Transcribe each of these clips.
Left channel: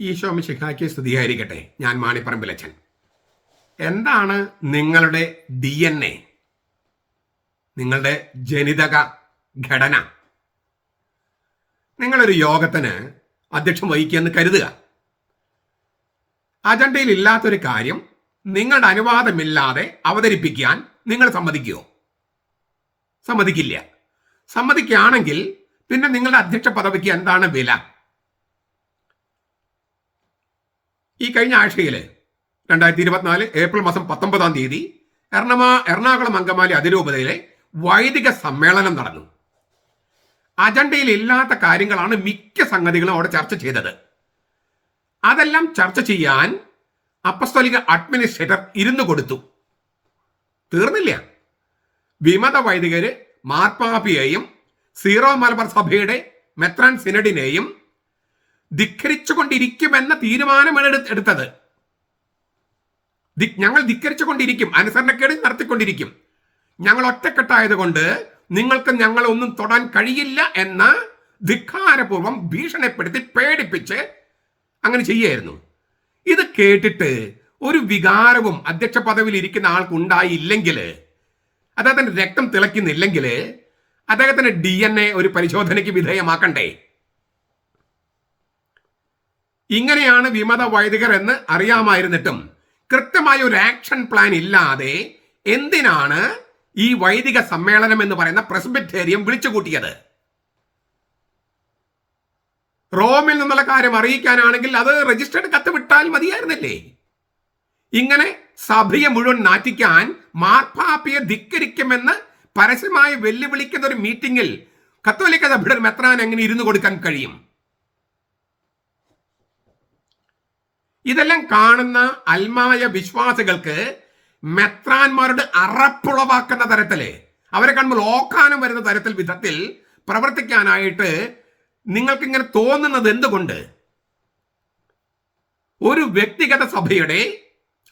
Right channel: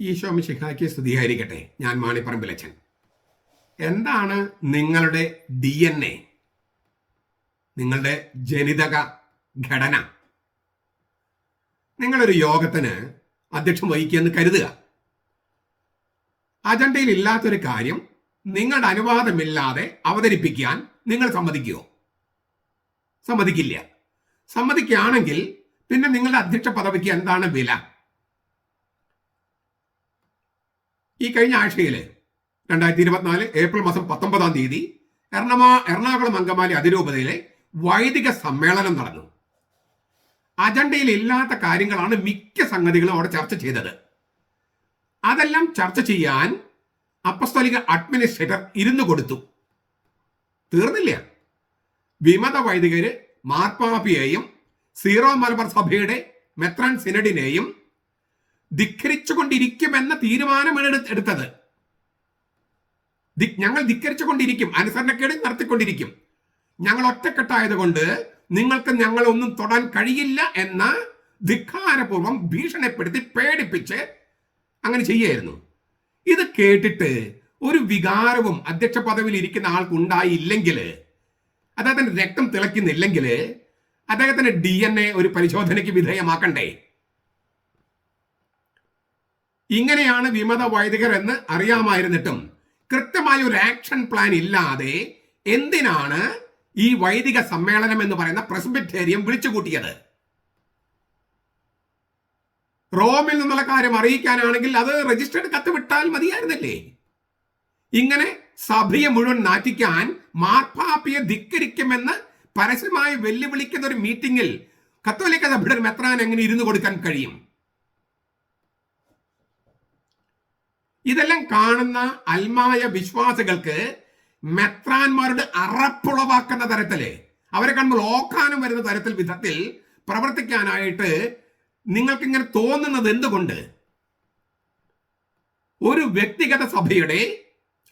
ഈശോ മിശിഹായ്ക്ക് സ്തുതിയായിരിക്കട്ടെ. ഞാൻ മാണിപ്പറമ്പിലച്ചൻ എന്താണ് നിങ്ങളുടെ ഡി എൻ എ നിങ്ങളുടെ ജനിതക ഘടന? നിങ്ങളൊരു യോഗത്തിന് അധ്യക്ഷം വഹിക്കുമെന്ന് കരുതുക. അജണ്ടയിൽ ഇല്ലാത്തൊരു കാര്യം നിങ്ങളുടെ അനുവാദമില്ലാതെ അവതരിപ്പിക്കാൻ നിങ്ങൾ സമ്മതിക്കുമോ സമ്മതിക്കില്ല. സമ്മതിക്കുകയാണെങ്കിൽ പിന്നെ നിങ്ങളുടെ അധ്യക്ഷ പദവിക്ക് എന്താണ് വില? ഈ കഴിഞ്ഞ ആഴ്ചയിൽ രണ്ടായിരത്തി ഇരുപത്തിനാല് ഏപ്രിൽ മാസം പത്തൊമ്പതാം തീയതി എറണമാ എറണാകുളം അങ്കമാലി അതിരൂപതയിലെ വൈദിക സമ്മേളനം നടന്നു. അജണ്ടയിൽ ഇല്ലാത്ത കാര്യങ്ങളാണ് മിക്ക സംഗതികളും അവിടെ ചർച്ച ചെയ്തത്. അതെല്ലാം ചർച്ച ചെയ്യാൻ അപ്പസ്തോലിക അഡ്മിനിസ്ട്രേറ്റർ ഇരുന്നു കൊടുത്തു. തീർന്നില്ല. വിമത വൈദികര് മാർപ്പാപ്പിയെയും സീറോ മലബാർ സഭയുടെ മെത്രാൻ സിനഡിനെയും ധിക്കരിച്ചുകൊണ്ടിരിക്കുമെന്ന തീരുമാനമാണ് എടു- എടുത്തത്. ഞങ്ങൾ ധിക്കരിച്ചുകൊണ്ടിരിക്കും. അനുസരണക്കേട് നടത്തിക്കൊണ്ടിരിക്കും. ഞങ്ങൾ ഒറ്റക്കെട്ടായതുകൊണ്ട് നിങ്ങൾക്ക് ഞങ്ങളെ ഒന്നും തൊടാൻ കഴിയില്ല എന്ന ധിക്കാരപൂർവം ഭീഷണിപ്പെടുത്തി പേടിപ്പിച്ച് അങ്ങനെ ചെയ്യായിരുന്നു ഇത് കേട്ടിട്ട് ഒരു വികാരവും അധ്യക്ഷ പദവിയിൽ ഇരിക്കുന്ന ആൾക്ക് ഉണ്ടായില്ലെങ്കിൽ അദ്ദേഹത്തിന്റെ രക്തം തിളയ്ക്കുന്നില്ലെങ്കിൽ അദ്ദേഹത്തിന്റെ ഡി എൻ എ ഒരു പരിശോധനയ്ക്ക് വിധേയമാക്കണ്ടേ? ഇങ്ങനെയാണ് വിമത വൈദികർ എന്ന് അറിയാമായിരുന്നിട്ടും കൃത്യമായ ഒരു ആക്ഷൻ പ്ലാൻ ഇല്ലാതെ എന്തിനാണ് ഈ വൈദിക സമ്മേളനം എന്ന് പറയുന്ന പ്രസ്ബിറ്റേറിയം വിളിച്ചുകൂട്ടിയത് റോമിൽ നിന്നുള്ള കാര്യം അറിയിക്കാനാണെങ്കിൽ അത് രജിസ്റ്റേർഡ് കത്ത് വിട്ടാൽ മതിയായിരുന്നില്ലേ? ഇങ്ങനെ സഭയെ മുഴുവൻ നാറ്റിക്കാൻ മാർപ്പാപ്പിയെ ധിക്കരിക്കുമെന്ന് പരസ്യമായി വെല്ലുവിളിക്കുന്ന ഒരു മീറ്റിംഗിൽ കത്തോലിക്ക സഭയുടെ മെത്രാൻ എങ്ങനെ ഇരുന്നു കൊടുക്കാൻ കഴിയും? ഇതെല്ലാം കാണുന്ന അൽമായ വിശ്വാസികൾക്ക് മെത്രാന്മാരുടെ അറപ്പുളവാക്കുന്ന തരത്തിൽ അവരെ കാണുമ്പോൾ ഓക്കാനം വരുന്ന തരത്തിൽ വിധത്തിൽ പ്രവർത്തിക്കാനായിട്ട് നിങ്ങൾക്ക് ഇങ്ങനെ തോന്നുന്നത് എന്തുകൊണ്ട്? ഒരു വ്യക്തിഗത സഭയുടെ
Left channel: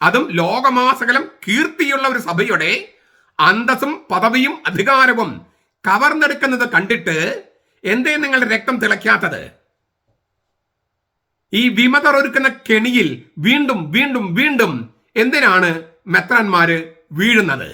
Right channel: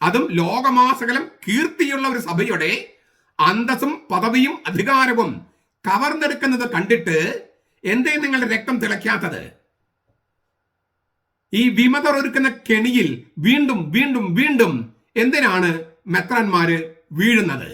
അതും ലോകമാസകലം കീർത്തിയുള്ള ഒരു സഭയുടെ അന്തസ്സും പദവിയും അധികാരവും കവർന്നെടുക്കുന്നത് കണ്ടിട്ട് എന്തേ നിങ്ങൾ രക്തം തിളയ്ക്കാത്തത്? ഈ വിമതർ ഒരുക്കുന്ന കെണിയിൽ വീണ്ടും വീണ്ടും വീണ്ടും എന്തിനാണ് മെത്രാന്മാര് വീഴുന്നത്?